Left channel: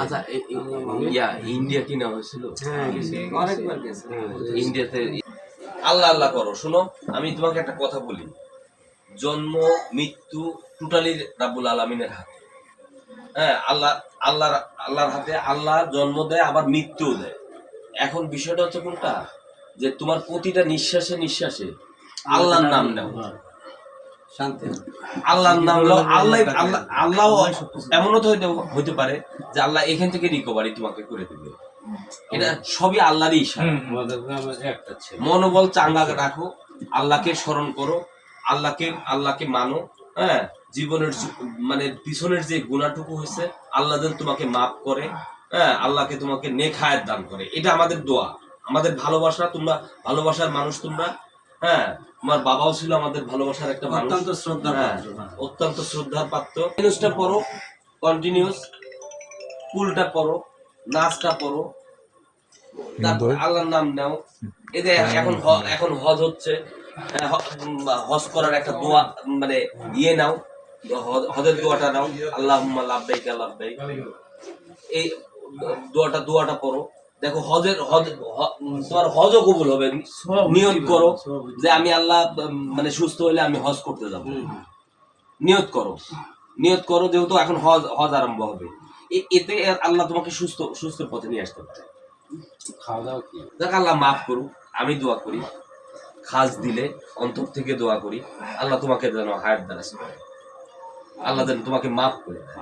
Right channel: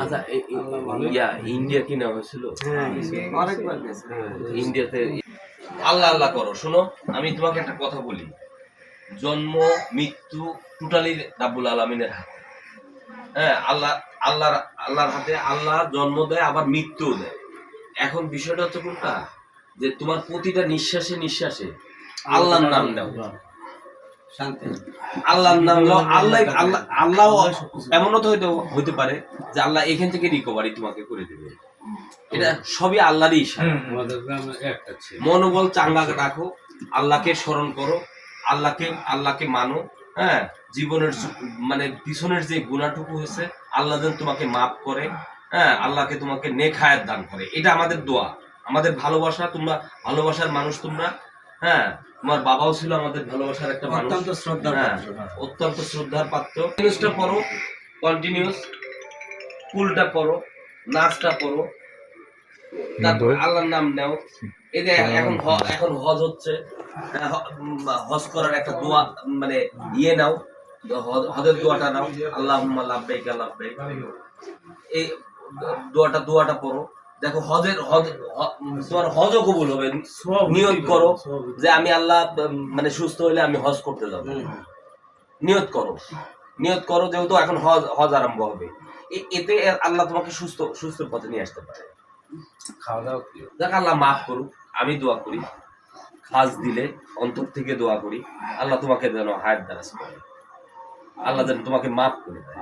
আচ্ছা এ- এ- ইয়া ইন্ডিয়া কি না হয়েছিল ইন্ডিয়াতে আল্লাহ আল্লাহ করো শোনো আমি তোমাকে একটা কথা বলি। জন্ম মৃত্যু টোটালি রাব্বুল আলমিনের হাতে। হ্যাঁ আল্লাহ আল্লাহর আল্লাহর হাতে আল্লাহ জন্ম দেয় আবার মৃত্যুও দেয়। এখন বিষয়টা হচ্ছে কোনটা? যে তোমার প্রতিটা নিঃশ্বাসে নিঃশ্বাসে আল্লাহর নাম নাও শান্তি আল্লাহর নাম আল্লাহ আল্লাহ আল্লাহ এমনও তো হইতে হইতে পারে যে আল্লাহ এখান থেকে রিকভারি তোমাকে করে দেবে। এটা সবই আল্লাহরই ইশারা। মনোবল চাঙ্গা রাখো আল্লাহকে স্মরণ করো আল্লাহকে আল্লাহকে মানো হ্যাঁ? জীবনের মানে পিছনের যে গুণাটুকু হয়েছে আল্লাহ যেন তোমাকে মাফ করে হ্যাঁ? আল্লাহকে তোমাকে নেখায়াত দান করে। এটা আমাদের দোয়া। আমাদের ভালোবাসা তোমরা ভালোবাসার মানুষ তোমরা হ্যাঁ তোমার বাবাও ছিল আমাদের ভালোবাসার একটা অত্যন্ত শ্রদ্ধার হ্যাঁ, হ্যাঁ। অত্যন্ত শ্রদ্ধার পাত্র। নিউজটা পড়ো কন্টিনিউস কুলটা পড়ো নাচটা পড়ো। আল্লাহর নাম নাও। এই যে এখন এখন হজ হচ্ছে। হ্যাঁ, হজ করার একটা দোয়া মানে ইয়ে নাও। হজের দোয়াটা নাও। আল্লাহ লাভবাইক লাভবাইক এই দোয়াটা দোয়াটা পড়ো। দেখো হজের হজ তোমার হজও কবুল হবে নিয়ত করো যে আমি আল্লাহ মানে সুস্থ হইলে আমি হজ করতে যাব। নিয়ত করো। নিয়ত করো যেহেতু এখন হজ হজ আরম্ভ হবে। এতে আল্লাহ তোমাকে সুস্থ সুস্থ পথে নিয়ে আসতে পারে। খাওয়া দাওয়া দেখ আল্লাহ মাফ করুক আমি দোয়া করি। খাস দিলে অন্তর থেকে দোয়া করি। আল্লাহ তোমাকে যেন হায়াত দ্বারাজ করে। আল্লাহ যেন তোমাকে মাফ করে দেয়।